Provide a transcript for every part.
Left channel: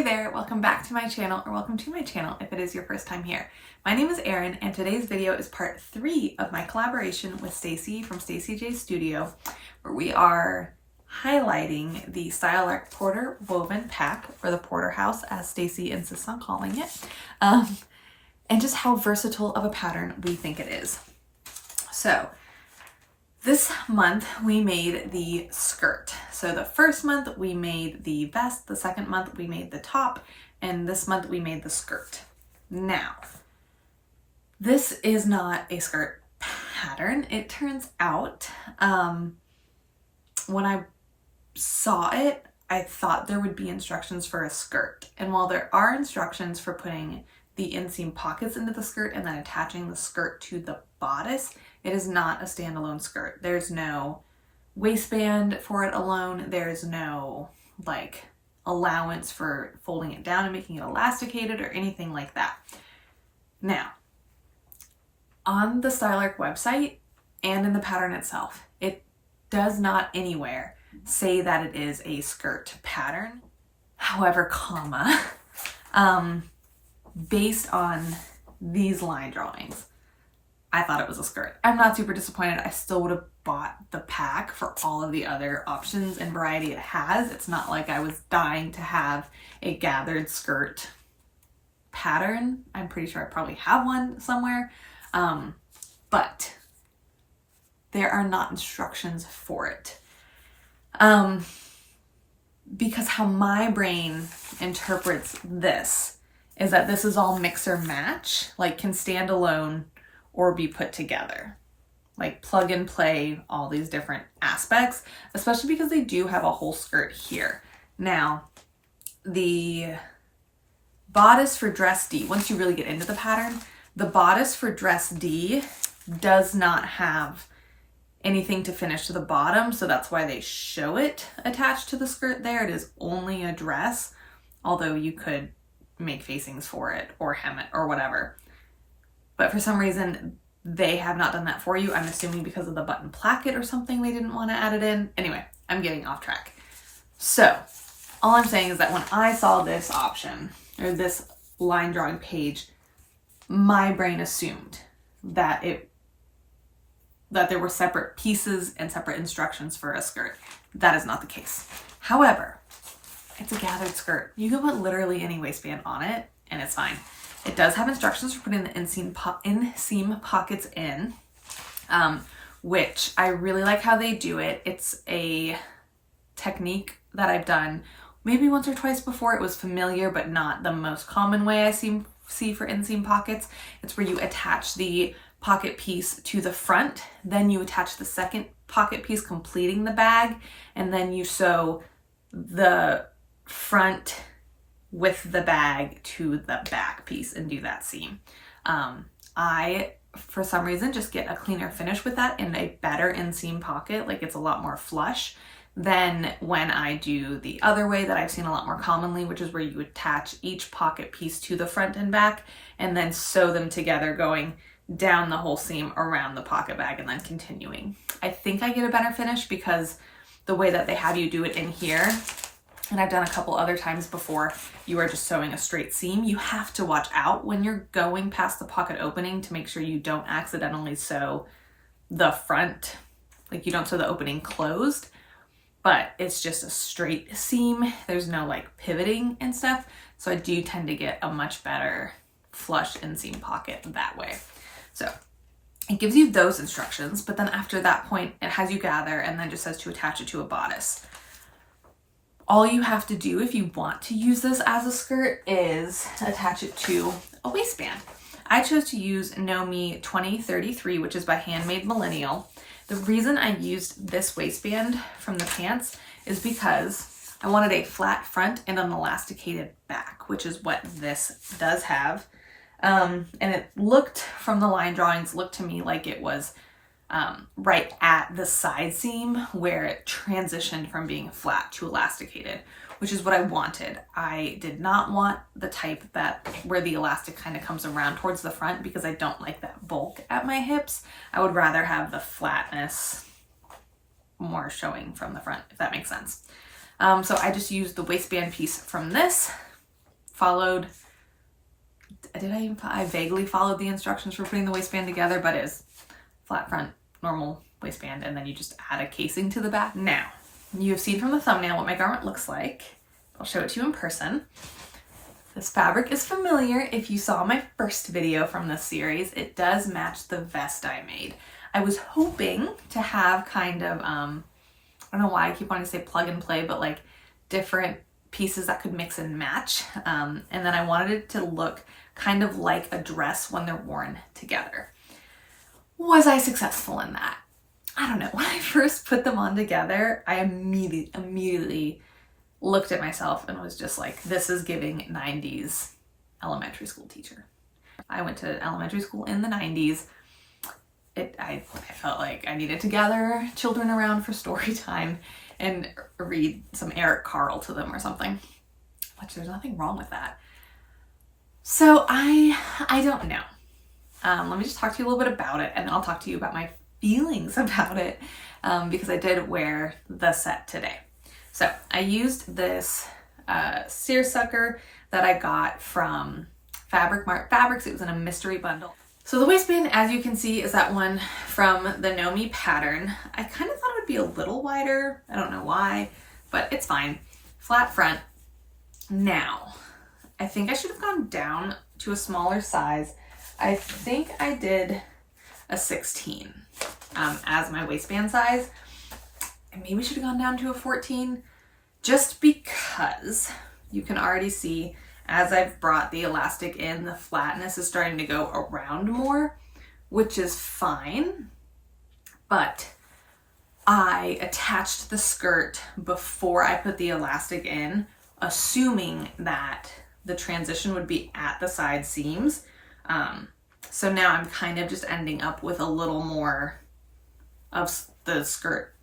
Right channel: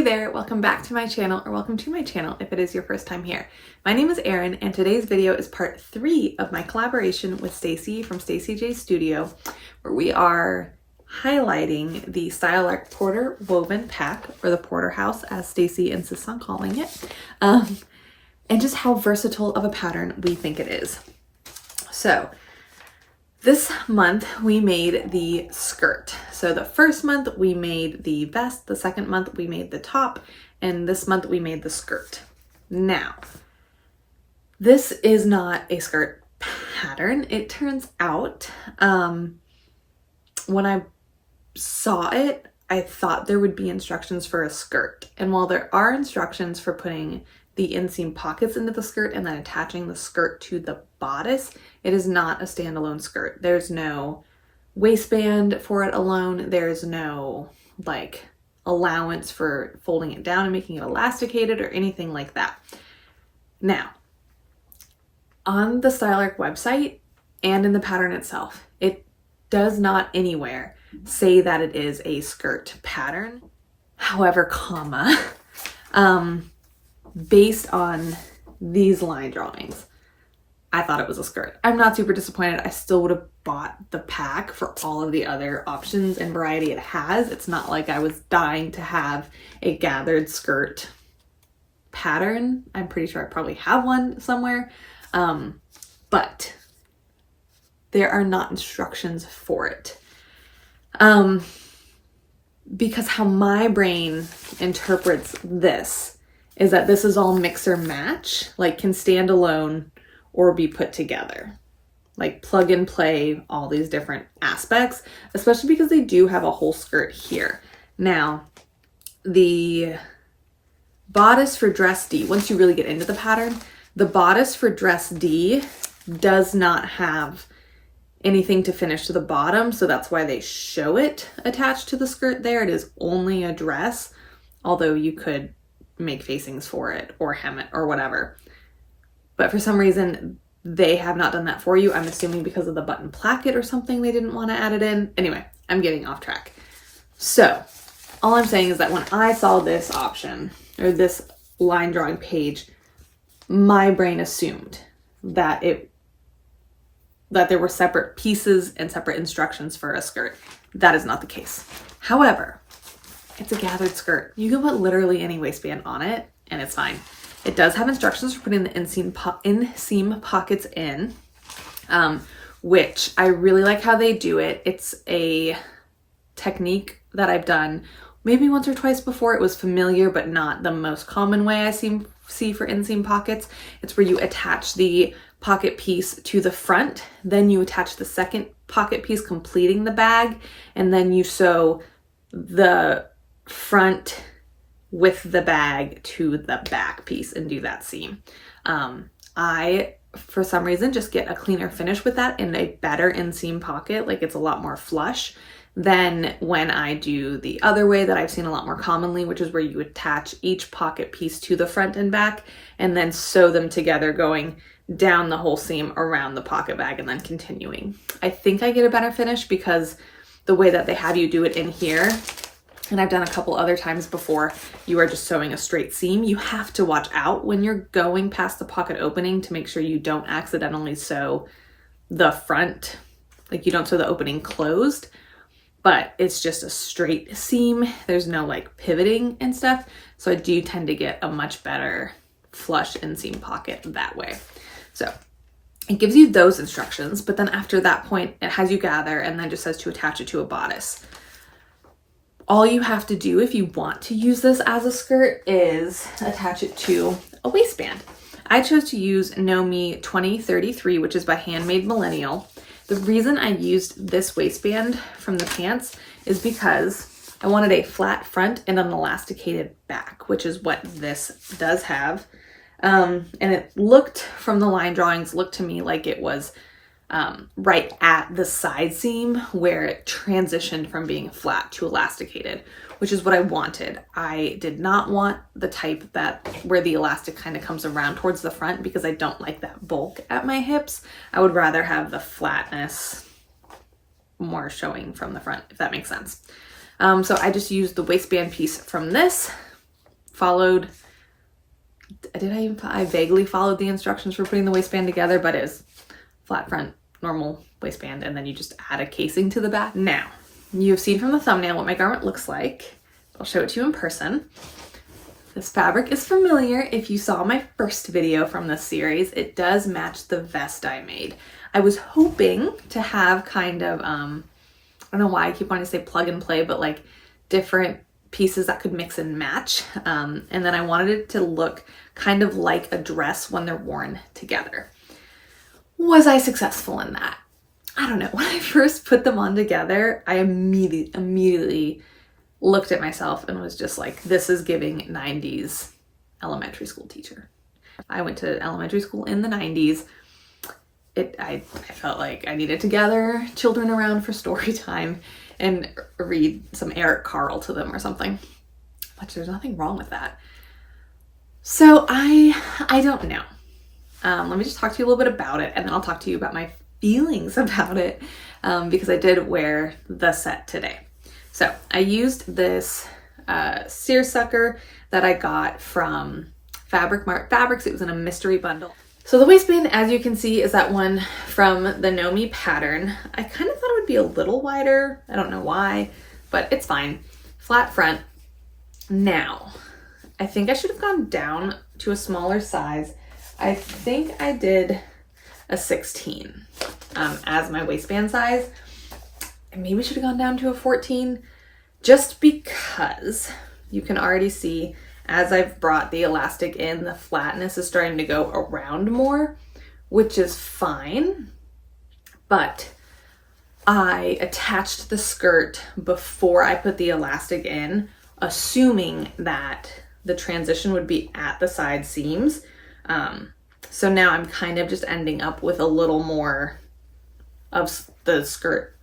Hey there, welcome back to my channel, or welcome to my channel if it is your first time here. My name is Erin, and today's video is part 3 of my collaboration with Stacy from Stacy J Studio, where we are highlighting the Style Arc Porter Woven Pack, or the Porterhouse as Stacy insists on calling it, and just how versatile of a pattern we think it is. So this month we made the skirt. So the first month we made the vest, the second month we made the top, and this month we made the skirt. Now, this is not a skirt pattern. It turns out, when I saw it, I thought there would be instructions for a skirt. And while there are instructions for putting the inseam pockets into the skirt and then attaching the skirt to the bodice, it is not a standalone skirt. There's no waistband for it alone. There's no like allowance for folding it down and making it elasticated or anything like that. Now, on the Style Arc website and in the pattern itself, it does not anywhere say that it is a skirt pattern. However, based on these line drawings, I thought it was a skirt. I'm not super disappointed. I still would have bought the pack for all of the other options and variety it has. It's not like I was dying to have a gathered skirt pattern. I'm pretty sure I probably have one somewhere, but there are not instructions for it. Because how my brain interprets this is that this is all mix or match, like can stand alone or be put together, like plug and play all these different aspects, especially because they do have a whole skirt here. Now, the bodice for dress D, once you really get into the pattern, the bodice for dress D does not have anything to finish to the bottom, so that's why they show it attached to the skirt there. It is only a dress, although you could make facings for it or hem it or whatever. But for some reason, they have not done that for you. I'm assuming because of the button placket or something, they didn't want to add it in. Anyway, I'm getting off track. So all I'm saying is that when I saw this option or this line drawing page, my brain assumed that there were separate pieces and separate instructions for a skirt. That is not the case. However, it's a gathered skirt. You can put literally any waistband on it and it's fine. It does have instructions for putting the inseam pockets in, which I really like how they do it. It's a technique that I've done maybe once or twice before. It was familiar, but not the most common way I see for inseam pockets. It's where you attach the pocket piece to the front, then you attach the second pocket piece completing the bag, and then you sew the front with the bag to the back piece and do that seam. I, for some reason, just get a cleaner finish with that and a better inseam pocket. Like it's a lot more flush than when I do the other way that I've seen a lot more commonly, which is where you attach each pocket piece to the front and back and then sew them together, going down the whole seam around the pocket bag and then continuing. I think I get a better finish because the way that they have you do it in here, and I've done a couple other times before, you are just sewing a straight seam. You have to watch out when you're going past the pocket opening to make sure you don't accidentally sew the front, like you don't sew the opening closed, but it's just a straight seam. There's no like pivoting and stuff. So I do tend to get a much better flush inseam pocket that way. So it gives you those instructions, but then after that point, it has you gather and then just says to attach it to a bodice. All you have to do if you want to use this as a skirt is attach it to a waistband. I chose to use Nomi 2033, which is by Handmade Millennial. The reason I used this waistband from the pants is because I wanted a flat front and an elasticated back, which is what this does have. And it looked, from the line drawings, looked to me like it was right at the side seam where it transitioned from being flat to elasticated, which is what I wanted. I did not want the type that where the elastic kind of comes around towards the front because I don't like that bulk at my hips. I would rather have the flatness more showing from the front, if that makes sense. So I just used the waistband piece from this followed, I vaguely followed the instructions for putting the waistband together, but it was flat front, normal waistband, and then you just add a casing to the back. Now, you've seen from the thumbnail what my garment looks like. I'll show it to you in person. This fabric is familiar if you saw my first video from this series. It does match the vest I made. I was hoping to have kind of, I don't know why I keep wanting to say plug and play, but like different pieces that could mix and match. And then I wanted it to look kind of like a dress when they're worn together. Was I successful in that? I don't know. When I first put them on together, I immediately looked at myself and was just like, this is giving 90s elementary school teacher. I went to elementary school in the 90s. I felt like I needed to gather children around for story time and read some Eric Carle to them or something, which there's nothing wrong with that. So I don't know. Let me just talk to you a little bit about it, and then I'll talk to you about my feelings about it, because I did wear the set today. So I used this seersucker that I got from Fabric Mart Fabrics. It was in a mystery bundle. So the waistband, as you can see, is that one from the Know Me pattern. I kind of thought it would be a little wider. I don't know why, but it's fine. Flat front. Now, I think I should have gone down to a smaller size. I think I did a 16 as my waistband size. I maybe should have gone down to a 14, just because you can already see as I've brought the elastic in, the flatness is starting to go around more, which is fine. But I attached the skirt before I put the elastic in, assuming that the transition would be at the side seams. So now I'm kind of just ending up with a little more of the skirt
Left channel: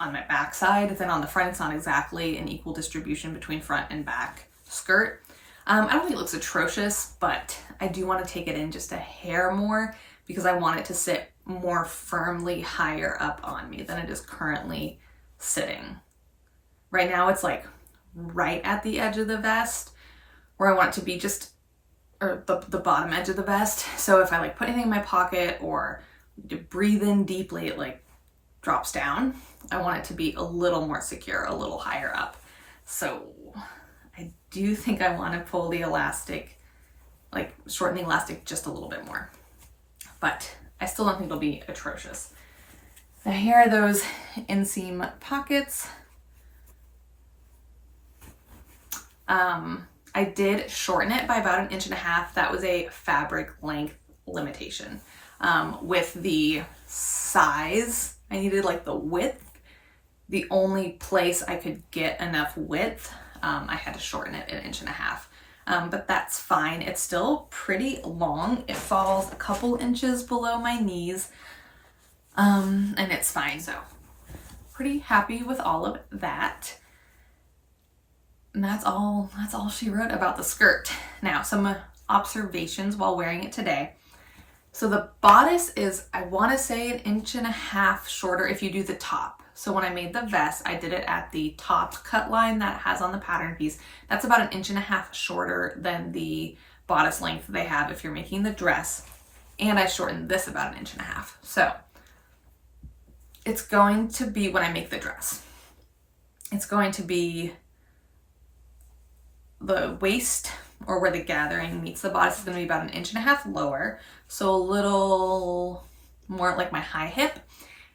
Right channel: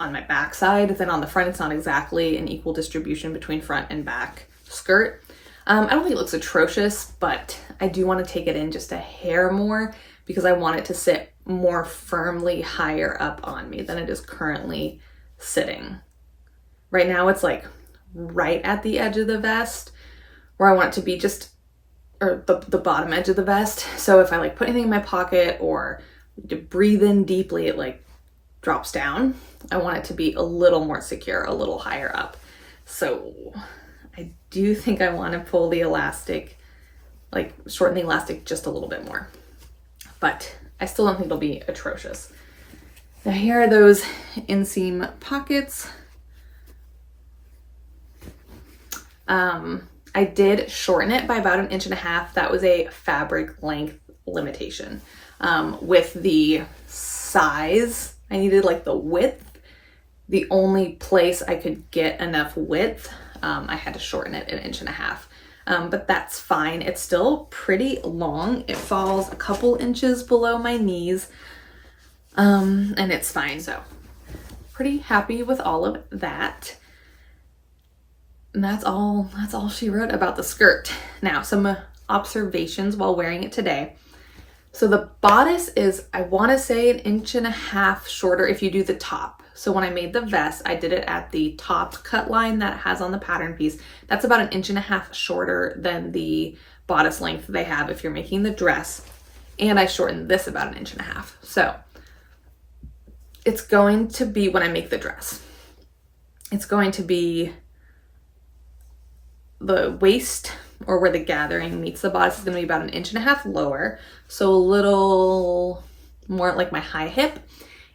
on my back side than on the front. It's not exactly an equal distribution between front and back skirt. I don't think it looks atrocious, but I do want to take it in just a hair more because I want it to sit more firmly higher up on me than it is currently sitting. Right now it's like right at the edge of the vest, where I want it to be just, or the bottom edge of the vest. So if I like put anything in my pocket or to breathe in deeply, it like drops down. I want it to be a little more secure, a little higher up. So I do think I want to pull the elastic, like shorten the elastic just a little bit more, but I still don't think it'll be atrocious. Now here are those inseam pockets. I did shorten it by about 1.5 inches. That was a fabric length limitation. With the size, I needed like the width. The only place I could get enough width, I had to shorten it 1.5 inches. But that's fine. It's still pretty long. It falls a couple inches below my knees, and it's fine. So pretty happy with all of that. And that's all she wrote about the skirt. Now, some observations while wearing it today. So the bodice is, I want to say 1.5 inches shorter if you do the top. So when I made the vest, I did it at the top cut line that it has on the pattern piece. That's about 1.5 inches shorter than the bodice length they have if you're making the dress. And I shortened this about 1.5 inches. So it's going to be, when I make the dress, it's going to be the waist, or where the gathering meets the bodice, is going to be about 1.5 inches lower. So a little more like my high hip.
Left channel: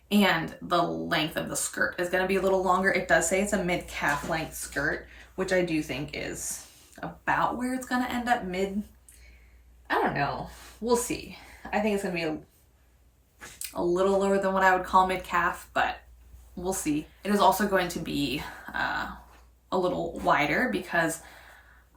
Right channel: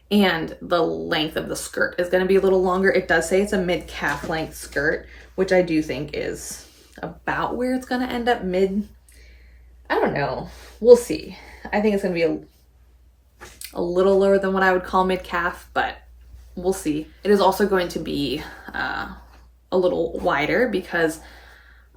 And the length of the skirt is going to be a little longer. It does say it's a mid-calf length skirt, which I do think is about where it's going to end up mid. I don't know. We'll see. I think it's going to be a little lower than what I would call mid-calf, but we'll see. It is also going to be a little wider because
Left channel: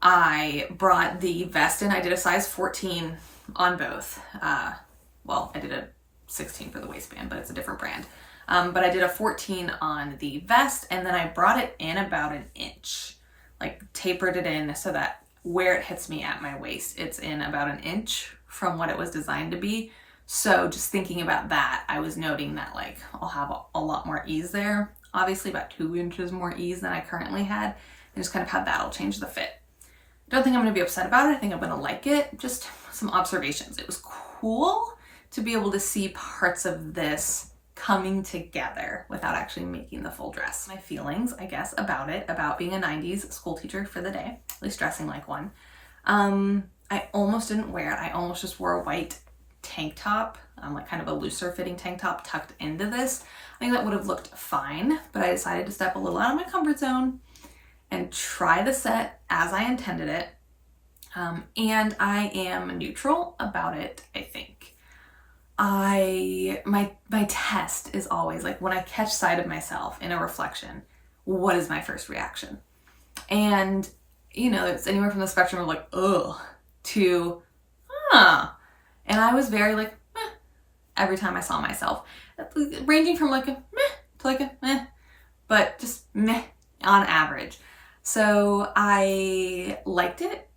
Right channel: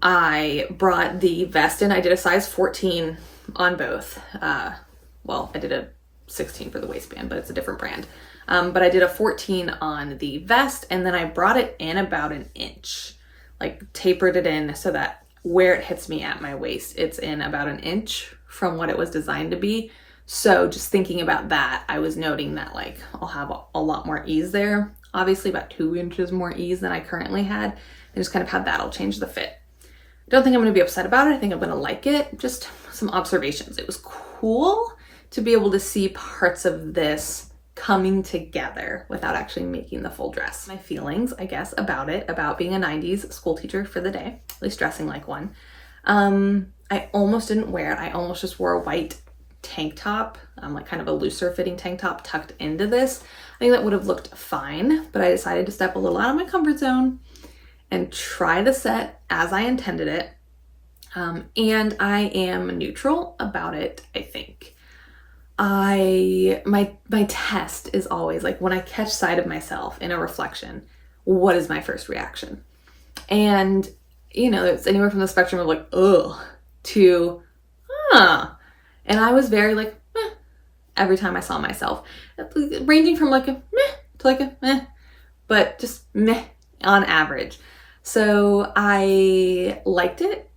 I brought the vest in. I did a size 14 on both. Well, I did a 16 for the waistband, but it's a different brand. But I did a 14 on the vest, and then I brought it in about 1 inch, like tapered it in so that where it hits me at my waist, it's in about 1 inch from what it was designed to be. So just thinking about that, I was noting that like I'll have a lot more ease there. Obviously about 2 inches more ease than I currently had, and just kind of have that'll change the fit. don't think I'm going to be upset about it. I think I'm going to like it. Just some observations. It was cool to be able to see parts of this coming together without actually making the full dress. My feelings, I guess, about being a 90s school teacher for the day, at least dressing like one. I almost didn't wear it. I almost just wore a white tank top, like kind of a looser fitting tank top tucked into this. I think that would have looked fine, but I decided to step a little out of my comfort zone and try the set as I intended it. And I am neutral about it, I think. My test is always like when I catch sight of myself in a reflection, what is my first reaction? And it's anywhere from the spectrum of like, ugh, to, and I was very like, meh, every time I saw myself, ranging from like a meh to like a meh, but just meh on average. So I liked it.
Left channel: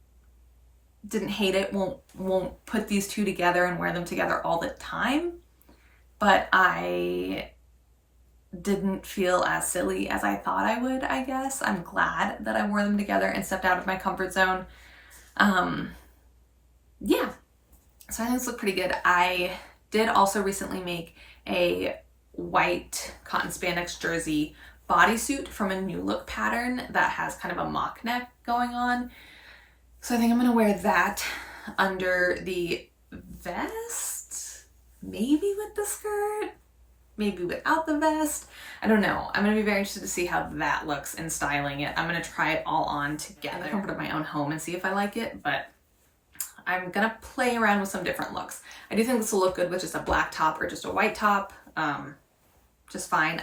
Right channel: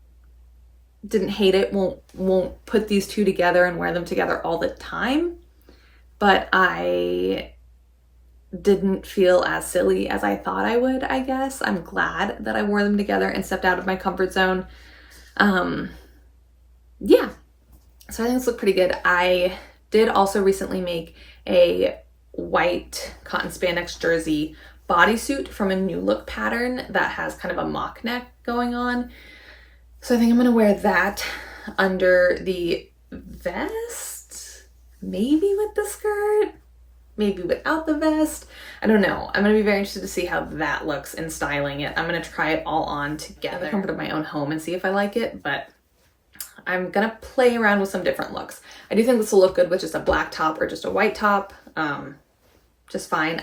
Didn't hate it, won't put these two together and wear them together all the time, but I didn't feel as silly as I thought I would, I guess. I'm glad that I wore them together and stepped out of my comfort zone. Yeah, so I think this looked pretty good. I did also recently make a white cotton spandex jersey bodysuit from a New Look pattern that has kind of a mock neck going on. So I think I'm going to wear that under the vest, maybe with the skirt, maybe without the vest. I don't know. I'm going to be very interested to see how that looks in styling it. I'm going to try it all on together in the comfort of my own home and see if I like it, but I'm going to play around with some different looks. I do think this will look good with just a black top or just a white top. Just fine.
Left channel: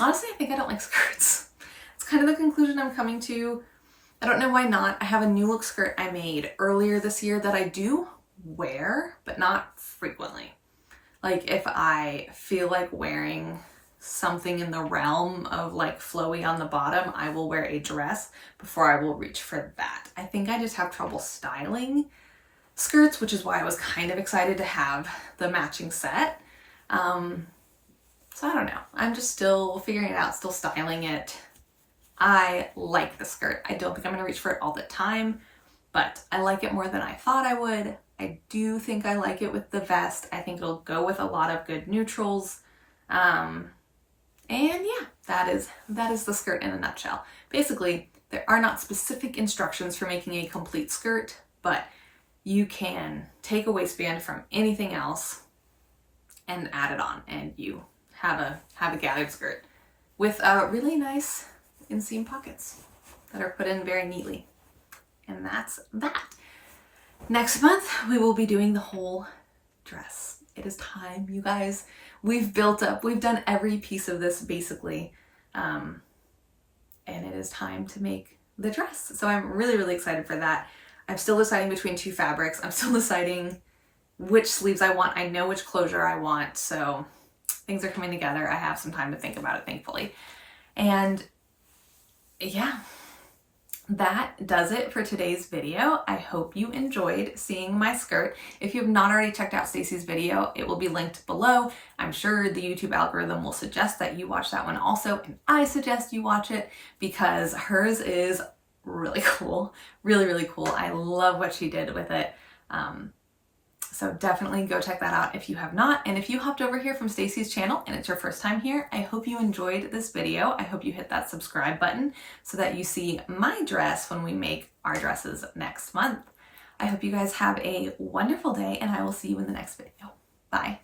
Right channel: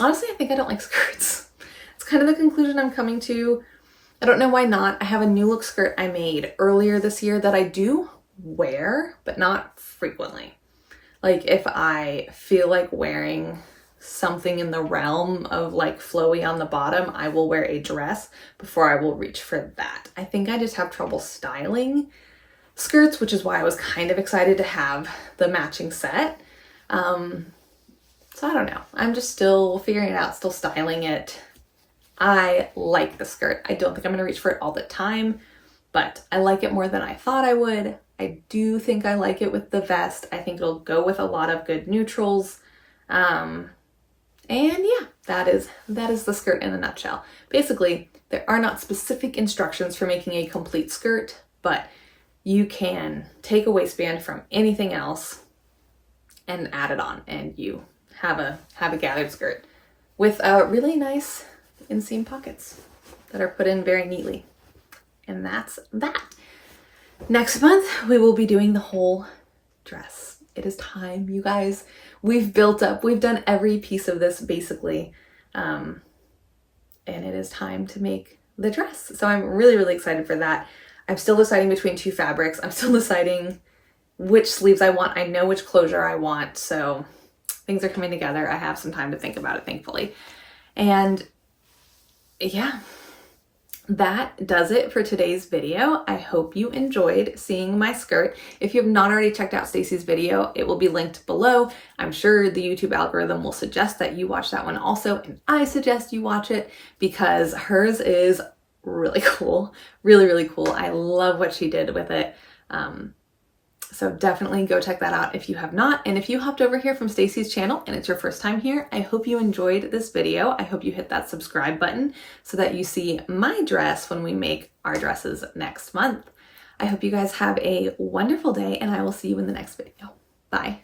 Honestly, I think I don't like skirts. It's kind of the conclusion I'm coming to. I don't know why not. I have a New Look skirt I made earlier this year that I do wear, but not frequently. Like if I feel like wearing something in the realm of like flowy on the bottom, I will wear a dress before I will reach for that. I think I just have trouble styling skirts, which is why I was kind of excited to have the matching set. So I don't know. I'm just still figuring it out, still styling it. I like the skirt. I don't think I'm going to reach for it all the time, but I like it more than I thought I would. I do think I like it with the vest. I think it'll go with a lot of good neutrals. And yeah, that is the skirt in a nutshell. Basically, there are not specific instructions for making a complete skirt, but you can take a waistband from anything else and add it on, and you have a gathered skirt with a really nice inseam pockets that are put in very neatly. And that's that. Next month, we will be doing the whole dress. It is time, you guys. We've done every piece of this basically. And it is time to make the dress. So I'm really, really excited for that. I'm still deciding between two fabrics. I'm still deciding which sleeves I want. I know which closure I want. So things are coming together. I have some time to think about it, thankfully. And yeah, that does it for today's video. I hope you enjoyed seeing my skirt. If you have not already checked out Stacy's video, it will be linked below. I'm sure the YouTube algorithm will suggest that you watch that one also, and I suggest you watch it because hers is really cool. Really, really cool. I love what she did with it. So definitely go check that out if you have not. And if you hopped over here from Stacy's channel and it's your first time here, I hope you enjoyed this video. I hope you hit that subscribe button so that you see my dress when we make our dresses next month. I hope you guys have a wonderful day, and I will see you in the next video. Bye.